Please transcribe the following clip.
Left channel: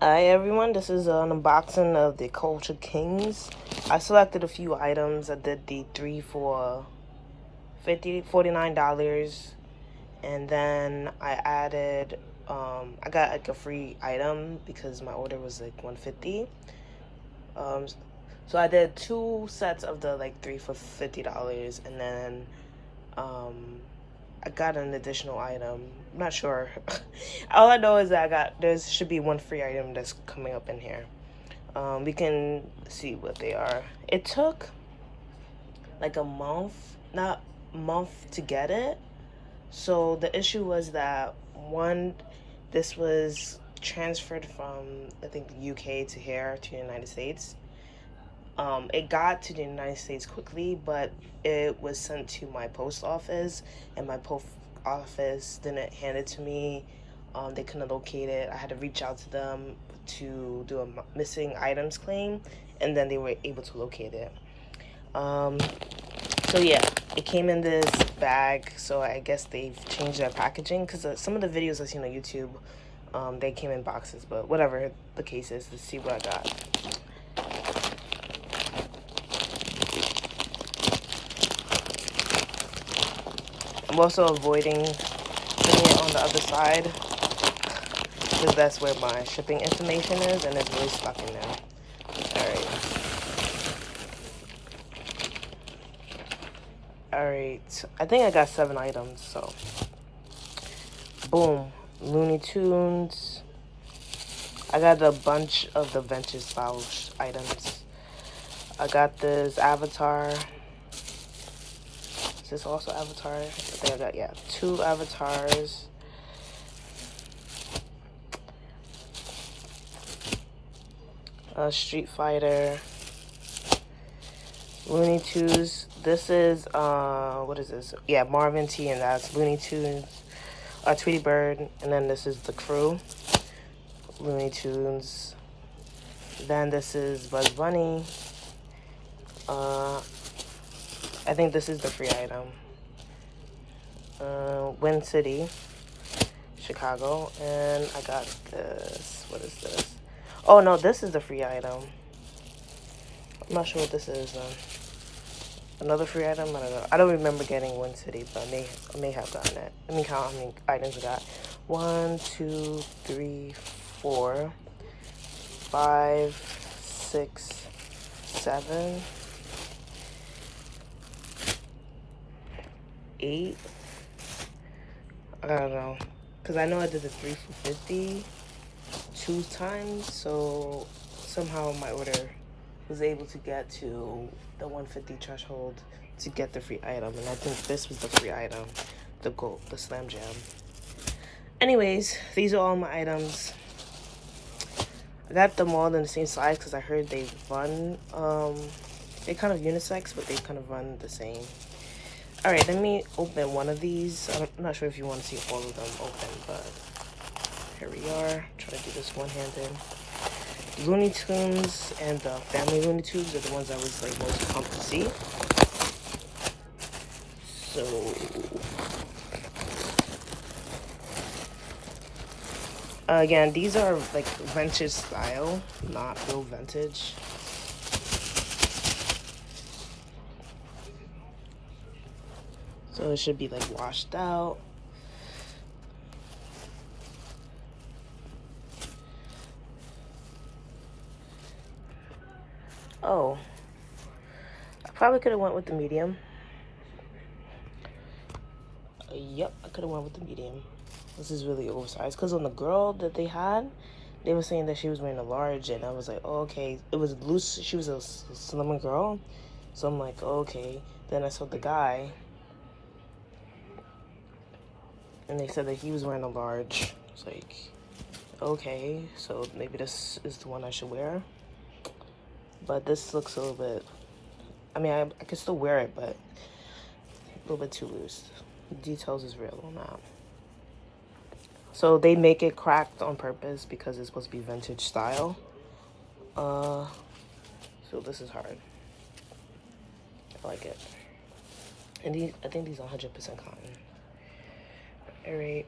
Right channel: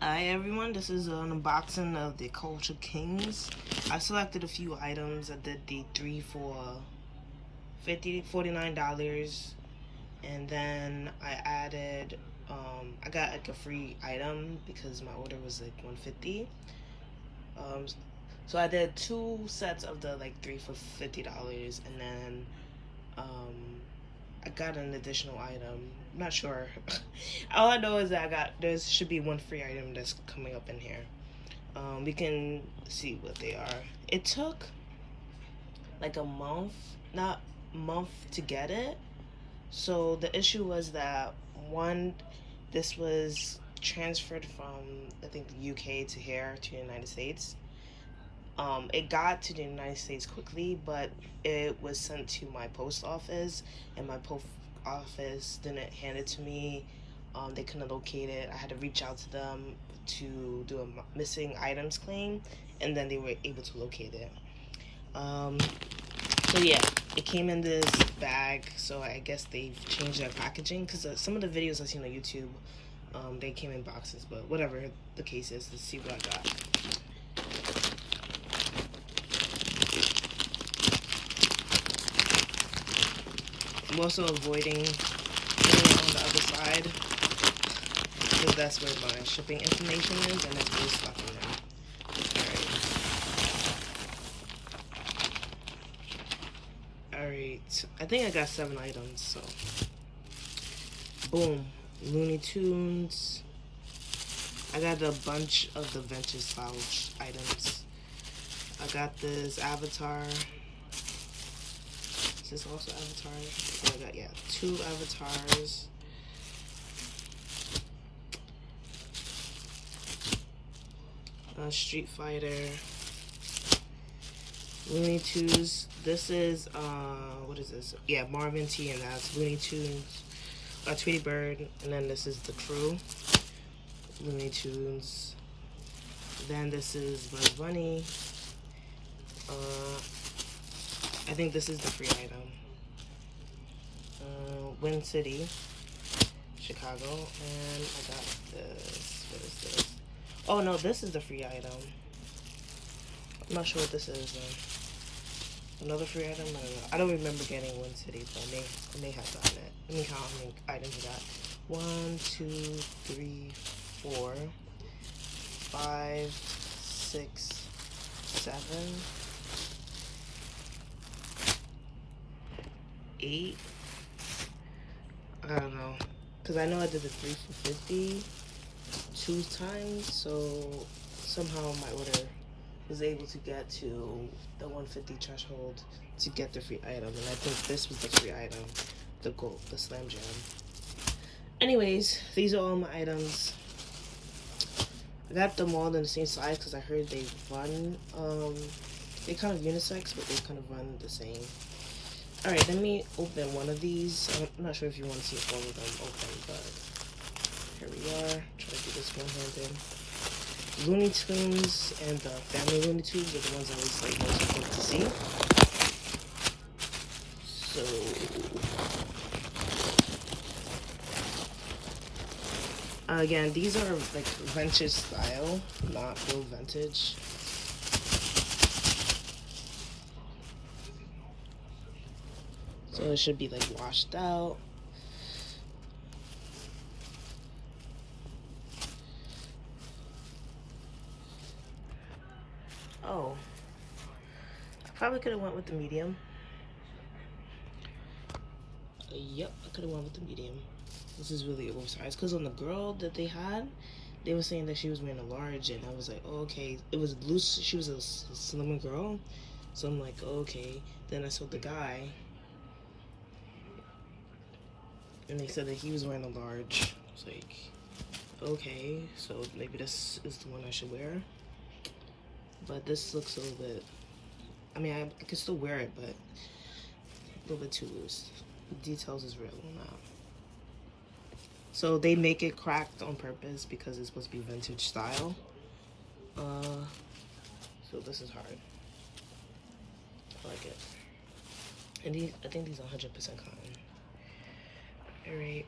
Hi everyone, this is an unboxing of the Culture Kings. I selected a few items. I did the 3 for $49, and then I added, I got like a free item because my order was like $150. So I did 2 sets of the like 3 for $50, and then I got an additional item. I'm not sure. All I know is that there should be one free item that's coming up in here. We can see what they are. It took like a month, not month to get it. So the issue was that this was transferred from I think the UK to here to the United States. It got to the United States quickly, but it was sent to my post office, and my post office didn't hand it to me. They couldn't locate it. I had to reach out to them to do a missing items claim, and then they were able to locate it. So yeah, it came in this bag, so I guess they've changed their packaging, because some of the videos I've seen on YouTube, they came in boxes, but whatever the case is, let's see what I got. I'm also avoiding putting it on the other side because that's where my shipping information is, and it's really stuck in there. Alright, I think I got 7 items, so boom. Looney Tunes. I got a bunch of the vintage style items. I got this Avatar. Is this also Avatar? I think I got, yeah, 2 Avatars. Street Fighter. Looney Tunes. This is, what is this? Yeah, Marvin T, and that's Looney Tunes. Tweety Bird, and then this is the crew. Looney Tunes. Then this is Buzz Bunny. I think this is the free item. Wind City, Chicago, and I got this. What is this? Oh no, this is the free item. I'm not sure what this is. Another free item? I don't know. I don't remember getting Wind City, but I may have gotten it. Let me count how many items I got. 1, 2, 3, 4, 5, 6, 7, 8. I don't know, because I know I did the 3 for 50 2 times, so somehow my order was able to get to the 150 threshold to get the free item, and I think this was the free item, the gold, the Slam Jam. Anyways, these are all my items. I got them all in the same size because I heard they run, they're kind of unisex, but they kind of run the same. Alright, let me open one of these. I'm not sure if you want to see all of them open, but here we are. Try to do this one-handed. Looney Tunes and the family Looney Tunes are the ones I was like most pumped to see. So again, these are like vintage style, not real vintage. So it should be like washed out. Oh, I probably could have went with the medium. Yep, I could have went with the medium. This is really oversized, because on the girl that they had, they were saying that she was wearing a large, and I was like, oh, okay. It was loose. She was a slimmer girl, so I'm like, oh, okay. Then I saw the guy, and they said that he was wearing a large. It's like, okay, so maybe this is the one I should wear. But this looks a little bit, I mean, I could still wear it, but a little bit too loose. The details is real on that. So they make it cracked on purpose because it's supposed to be vintage style. So this is hard. I like it. And I think these are 100% cotton. All right.